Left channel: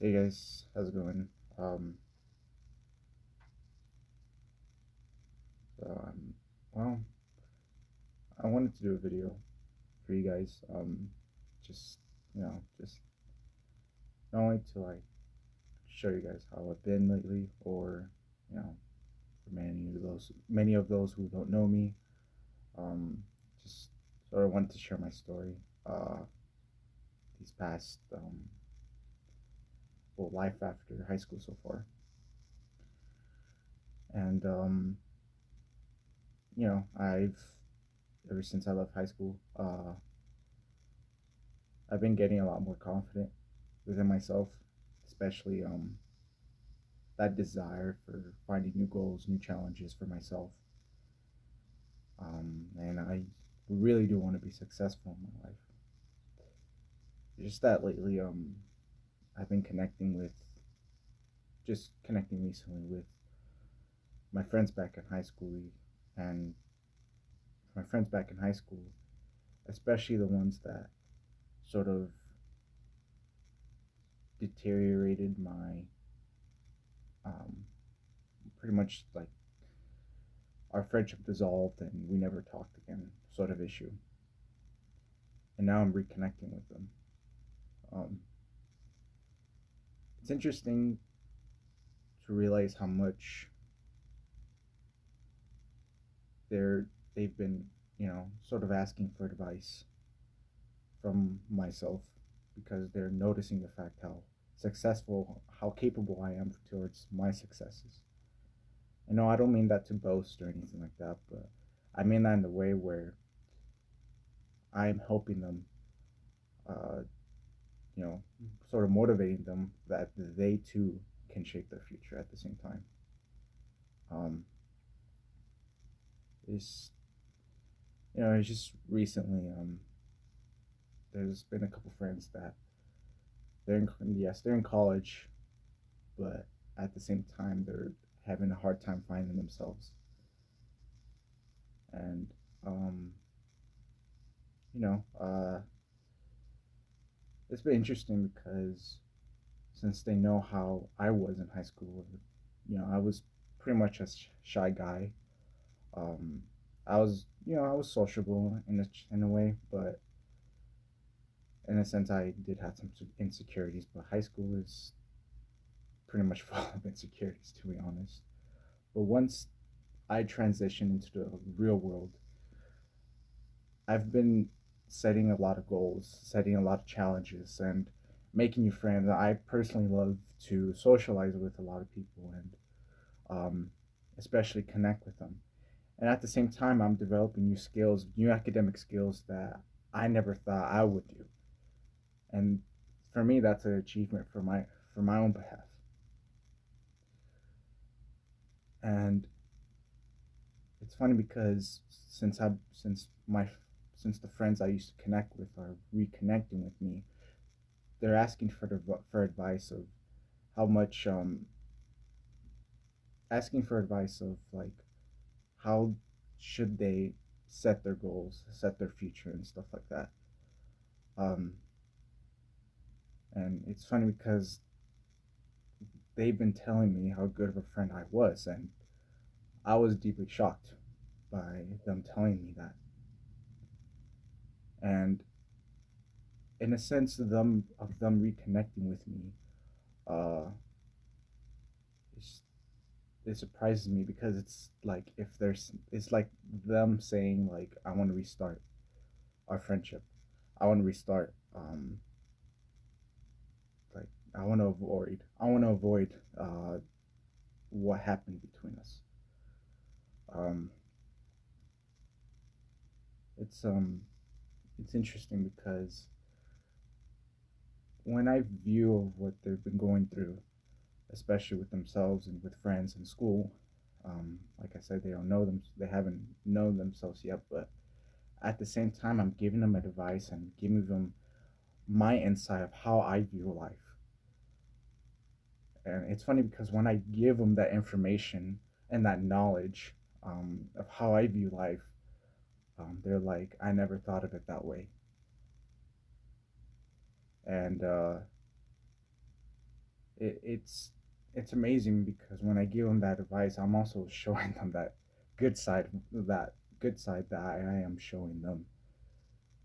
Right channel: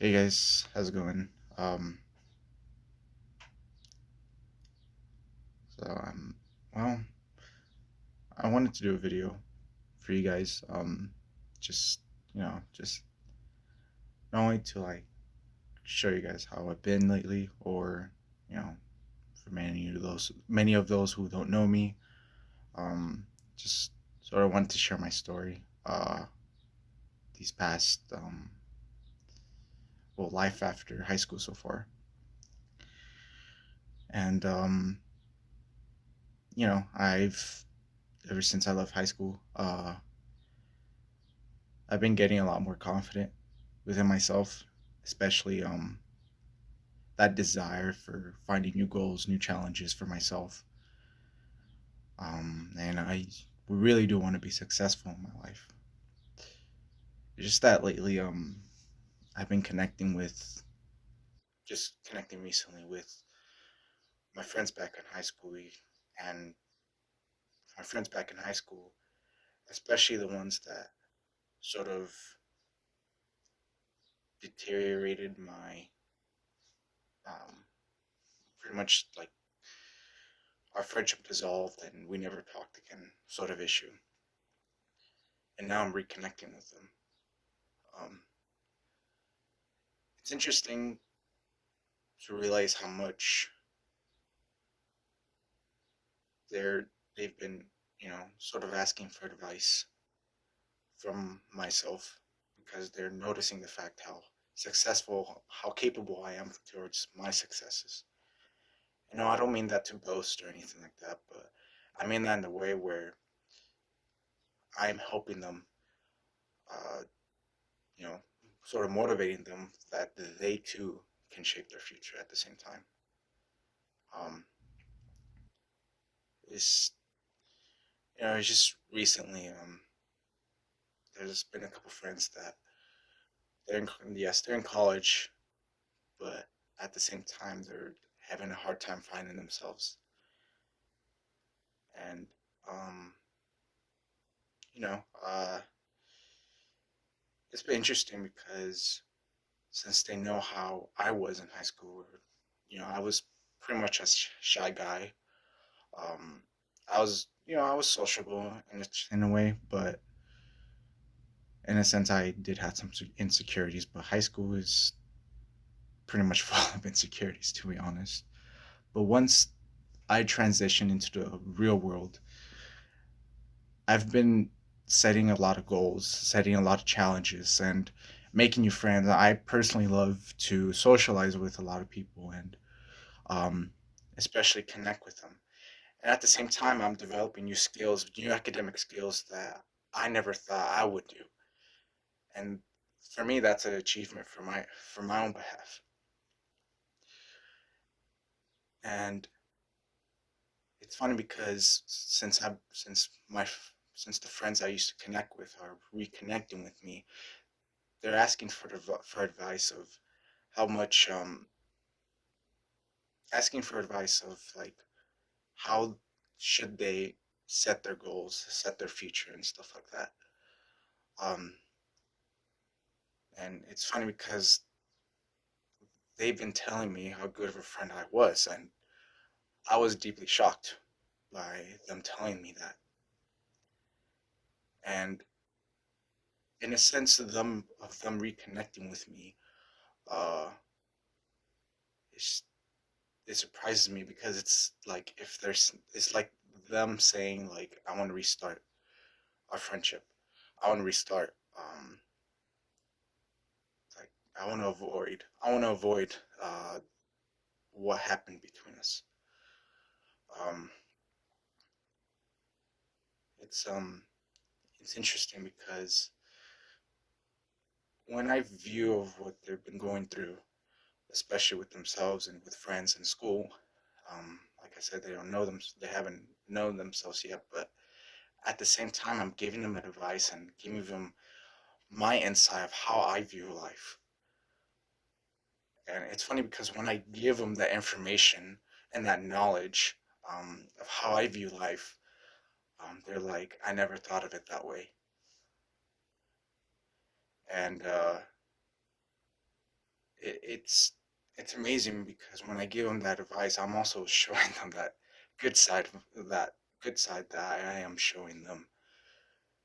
Hey guys, how's it going? Um, so well, I wanted to do a video for you guys. Just just not only to like show you guys how I've been lately, or you know, for many of those who don't know me, um, just sort of wanted to share my story. These past life after high school so far, and I've ever since I left high school, I've been getting a lot more confident within myself, especially that desire for finding new goals, new challenges for myself. And I really do want to be successful in my life. It's just that lately, I've been connecting recently with my friends back in high school, and my friends back in high school, especially the ones that sort of deteriorated my um, pretty much like our friendship dissolved and we never talked again, sort of issue. And now I'm reconnecting with them. Um, it's interesting to realize how much they're they've been, sort of asking for advice from myself because they're noticing the fact how capable I am towards my successes. I don't mean that to boast or anything like that, but I mean that in a way where I'm helping them, uh, you know, sort of motivating them that they too can shape their future at the same time. Um, it's it's just recently, there's been a couple friends that they're in college, but at the same time they're having a hard time finding themselves, and um, you know, it's been interesting because since they know how I was in high school, where, I was pretty much a shy guy. Um, I was sociable in a way, but in a sense, I did have some insecurities. But high school is pretty much full of insecurities, to be honest. But once I transitioned into the real world, I've been setting a lot of goals, setting a lot of challenges, and making new friends. I personally love to socialize with a lot of people and um, especially connect with them. And at the same time, I'm developing new skills, new academic skills that I never thought I would do. And for me, that's an achievement for my own behalf. And it's funny because since the friends I used to connect with are reconnecting with me, they're asking for advice of how much asking for advice of like how should they set their goals, set their future, and stuff like that. Um, and it's funny because they've been telling me how good of a friend I was, and I was deeply shocked by them telling me that. And in a sense, of them reconnecting with me, uh, it's, it surprises me because it's like them saying like I want to restart our friendship. I want to restart. Like I want to avoid what happened between us. Um, it's um it's interesting because when I view of what they've been going through, especially with themselves and with friends in school, like I said, they haven't known themselves yet, but at the same time, I'm giving them advice and giving them my insight of how I view life. And it's funny because when I give them that information and that knowledge of how I view life, they're like, I never thought of it that way. And it's it's amazing because when I give them that advice, I'm also showing them that good side, that good side that I am showing them,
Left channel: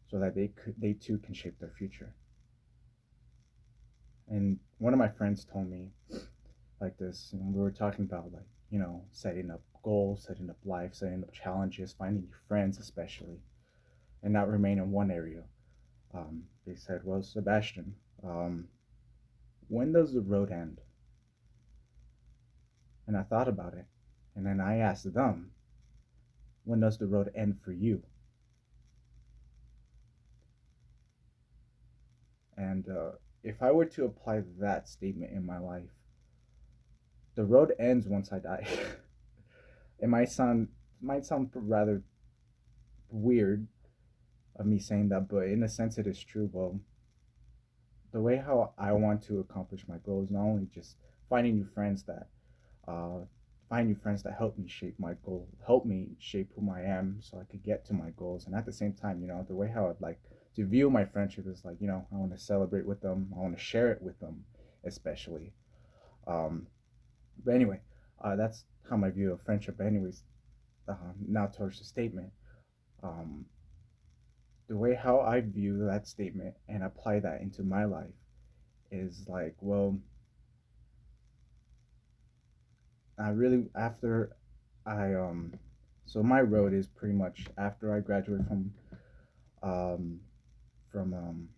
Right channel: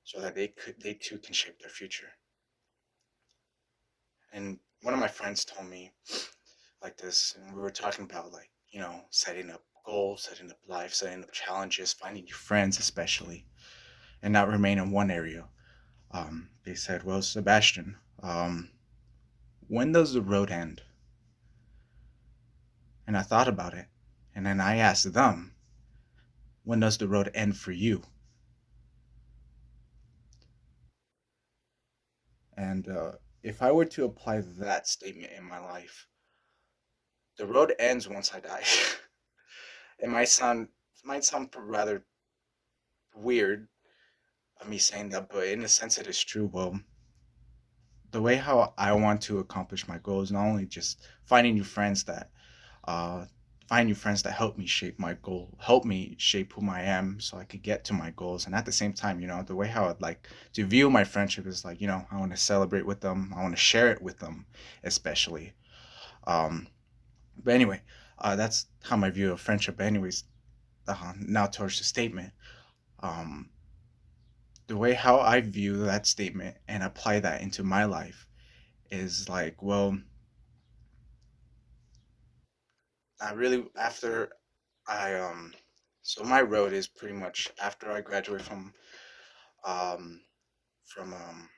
so that they too can shape their future. And one of my friends told me like this, and we were talking about like setting up goals, setting up life, setting up challenges, finding new friends, especially, and not remain in one area. They said, "Well, Sebastian, when does the road end?" And I thought about it, and then I asked them, "When does the road end for you?" And if I were to apply that statement in my life, the road ends once I die. It might sound rather weird of me saying that, but in a sense, it is true. Well, the way how I want to accomplish my goals, not only just finding new friends that uh, find new friends that help me shape my goal, help me shape who I am, so I could get to my goals. And at the same time, the way how I'd like to view my friendship is like, I want to celebrate with them, I want to share it with them, especially. Um, but anyway, that's how my view of friendship. Anyways, now towards the statement. Um, the way how I view that statement and apply that into my life is like, well, I really after I so my road is pretty much after I graduate um from um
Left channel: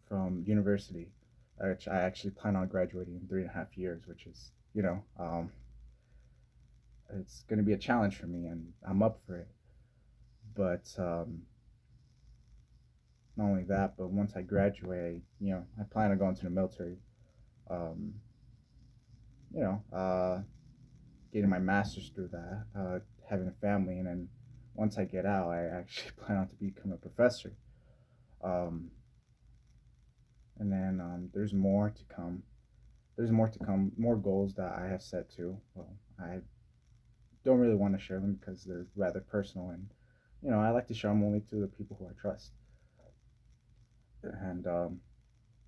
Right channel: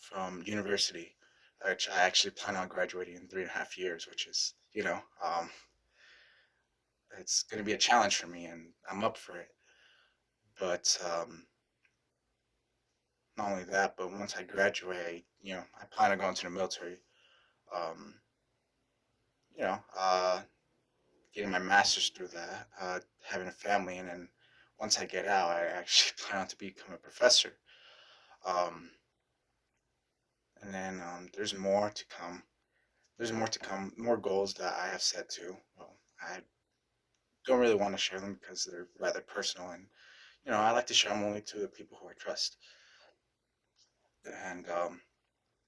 from university, which I actually plan on graduating in 3.5 years, which is it's gonna be a challenge for me, and I'm up for it. But not only that, but once I graduate, I plan on going to the military. Um, you know, getting my master's through that, having a family, and then once I get out, I actually plan on to become a professor. Um, and then there's more to come. There's more to come, more goals that I have set too. Well, I don't really want to share them because they're rather personal, and I like to share them only to the people who I trust. And I'm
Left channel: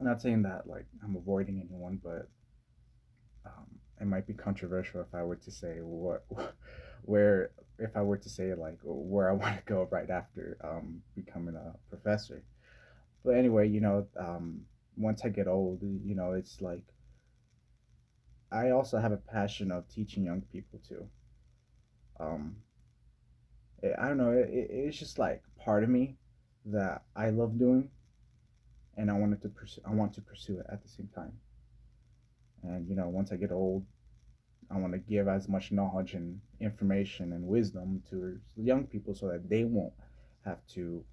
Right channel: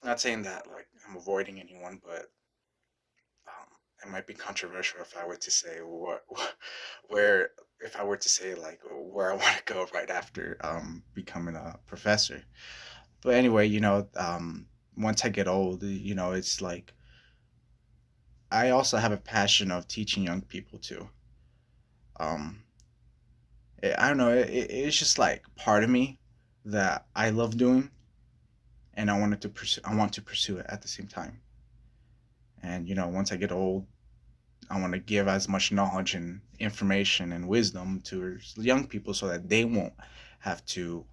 not saying that like I'm avoiding anyone, but it might be controversial if I were to say where if I were to say like where I want to go right after becoming a professor. But anyway, once I get old, it's like I also have a passion of teaching young people too. Um, I don't know, it's just like part of me that I love doing, and I want to pursue it at the same time. And once I get old, I want to give as much knowledge and information and wisdom to young people so that they won't have to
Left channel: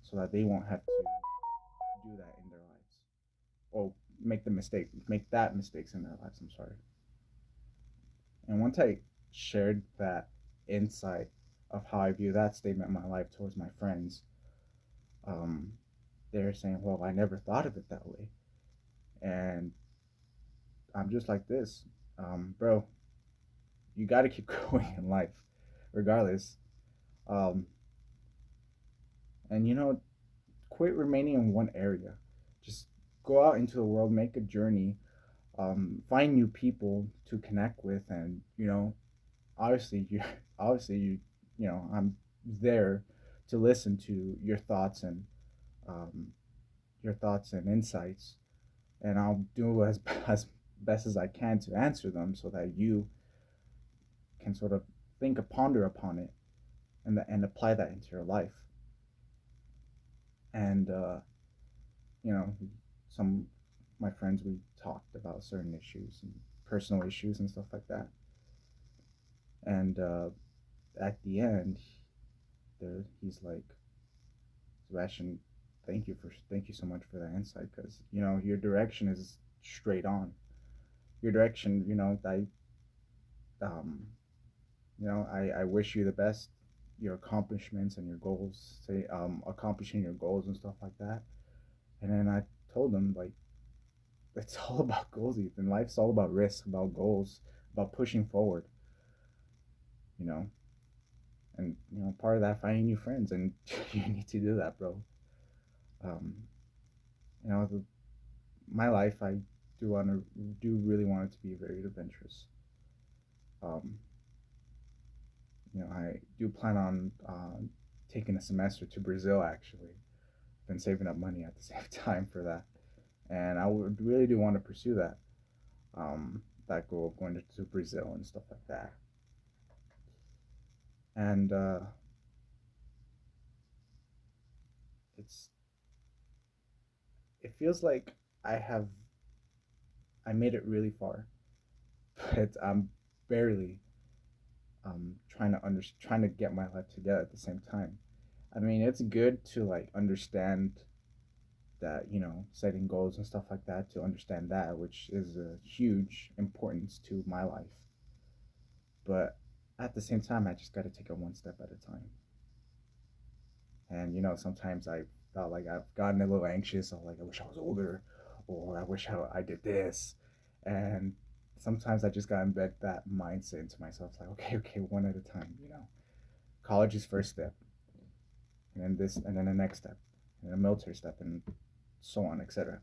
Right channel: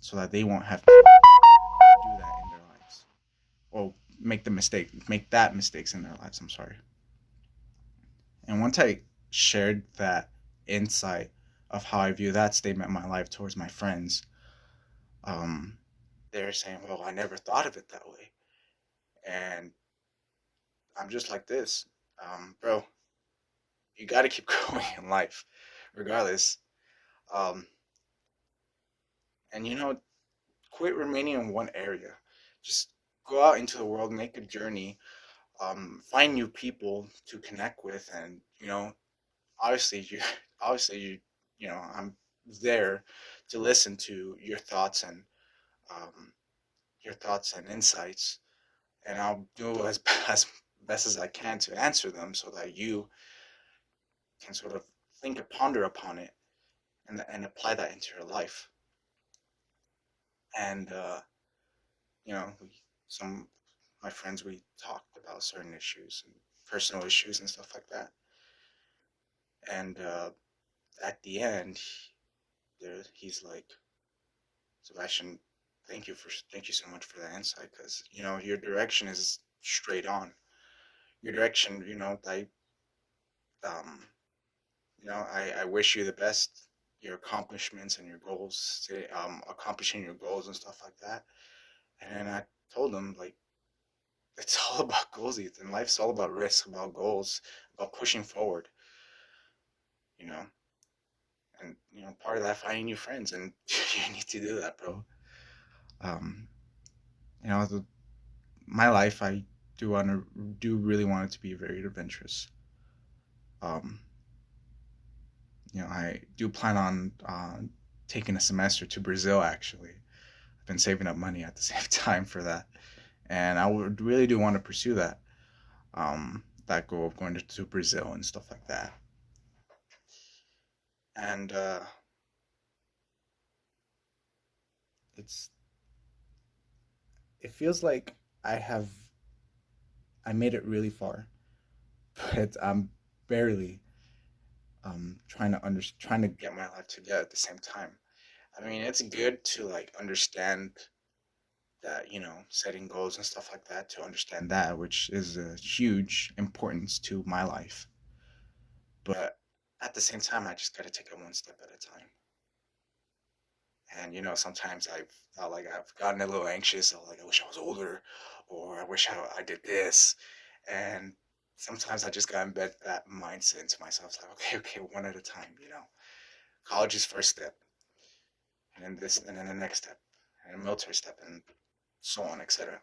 so that they won't have to do that in their lives, or make that mistakes in their lives. I'm sorry. And once I shared that insight of how I view that statement in my life towards my friends, um, they're saying, "Well, I never thought of it that way," and I'm just like this, bro. You got to keep going in life, regardless. Um, and quit remaining in one area. Just go out into the world, make a journey, find new people to connect with, and obviously you, obviously I'm there to listen to um, your thoughts and insights, and I'll do as best as I can to answer them so that you can sort of think and ponder upon it and apply that into your life. And we, some my friends, we talked about certain issues and personal issues and stuff like that. And at the end, he's like, "Sebastian, thank you so much for that insight, because your direction is straight on. Your direction, um, I wish you the best, your accomplishments and your goals, say accomplishing your goals and stuff like that." And then I told him like, it's all about goals, Ethan. Life's all about risk, about goals, about pushing forward, you know. And part of that, finding new friends, and you need to do that, bro. Um, you know, the, my life, I do really want it to be very adventurous. Um, I do plan on taking a semester to Brazil. Actually, I've been saving up money at the same time for that, and I would really do want to pursue that. That goal of going to Brazil and stuff like that. And it's it feels like I have I made it really far, but I'm barely trying to get my life together at the same time. I mean, it's good to like understand that, setting goals and stuff like that, to understand that, which is a huge importance to my life. But at the same time, I just got to take it one step at a time. And sometimes I've thought like I've gotten a little anxious. I'm like, I wish I was older, or I wish I did this. And sometimes I just got to embed that mindset into myself. It's like, okay, okay, one at a time. College is first step, and then this, and then the next step, and then a military step, and so on, etc.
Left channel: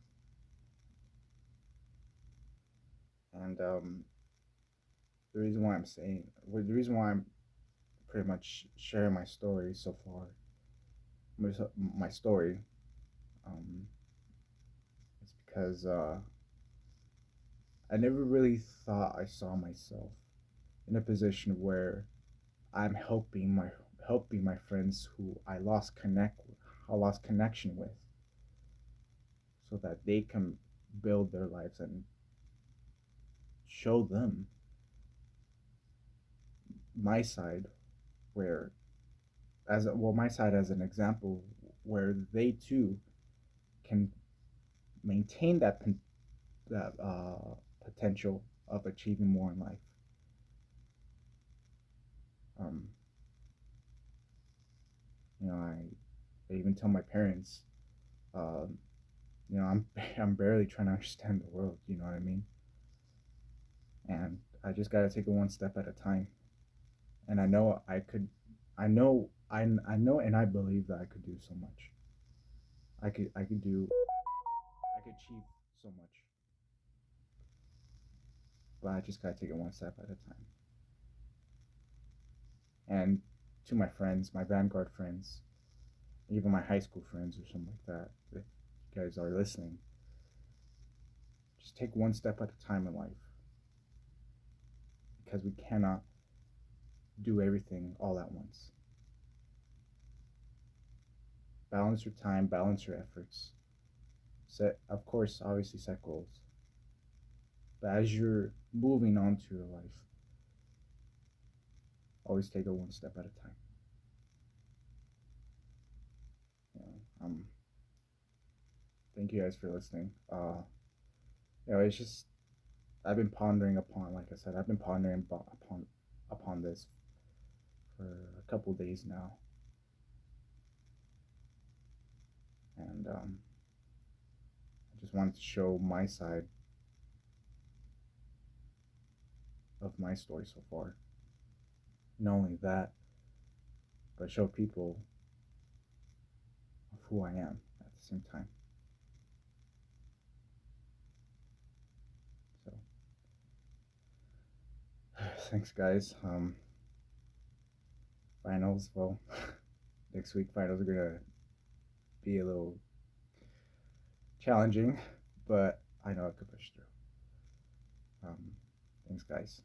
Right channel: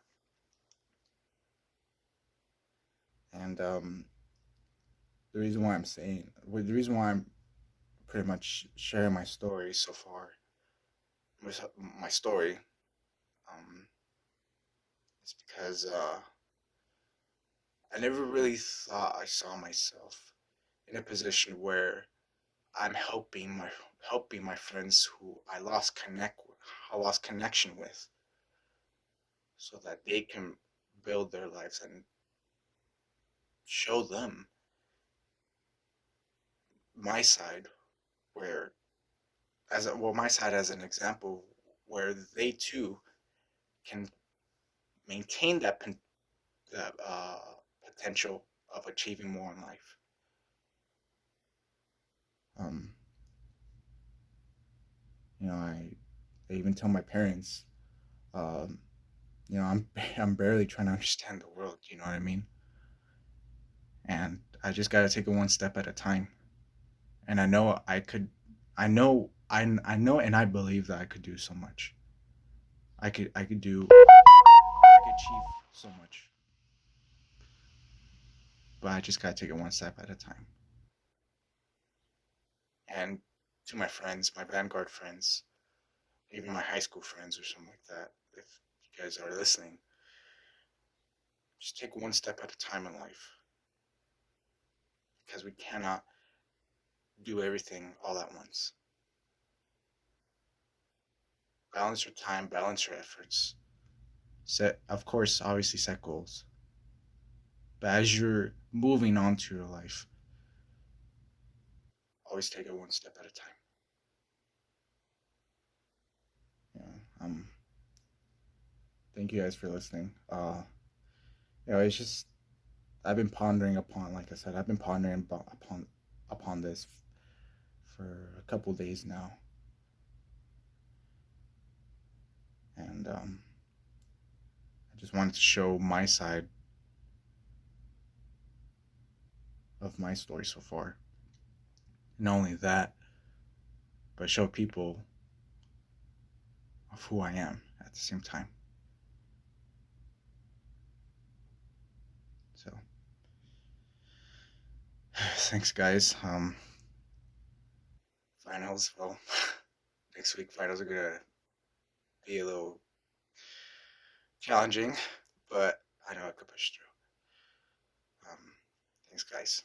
And the reason why I'm pretty much sharing my story so far, my story, um, is because I never really thought I saw myself in a position where I'm helping my friends who I lost connection with, so that they can build their lives and show them my side, where my side as an example, where they too can maintain that potential of achieving more in life. Um, I even tell my parents, um, I'm I'm barely trying to understand the world. You know what I mean? And I just got to take it one step at a time. And I know I could, I know, and I believe that I could do so much. I could achieve so much, but I just got to take it one step at a time. And to my friends, my Vanguard friends, even my high school friends or something like that, if you guys are listening, just take one step at a time in life, because we cannot do everything all at once. Balance your time, balance your efforts. Of course, obviously set goals. But as you're moving on to your life, always take it one step at a time. Yeah. Thank you guys for listening. It's just I've been pondering upon, like I said, I've been pondering upon this for a couple days now, and I just wanted to show my side of my story so far. Not only that, but show people of who I am at the same time. So, thanks, guys. Finals. Well, next week finals are gonna be a little challenging, but I know I could push through. Thanks, guys.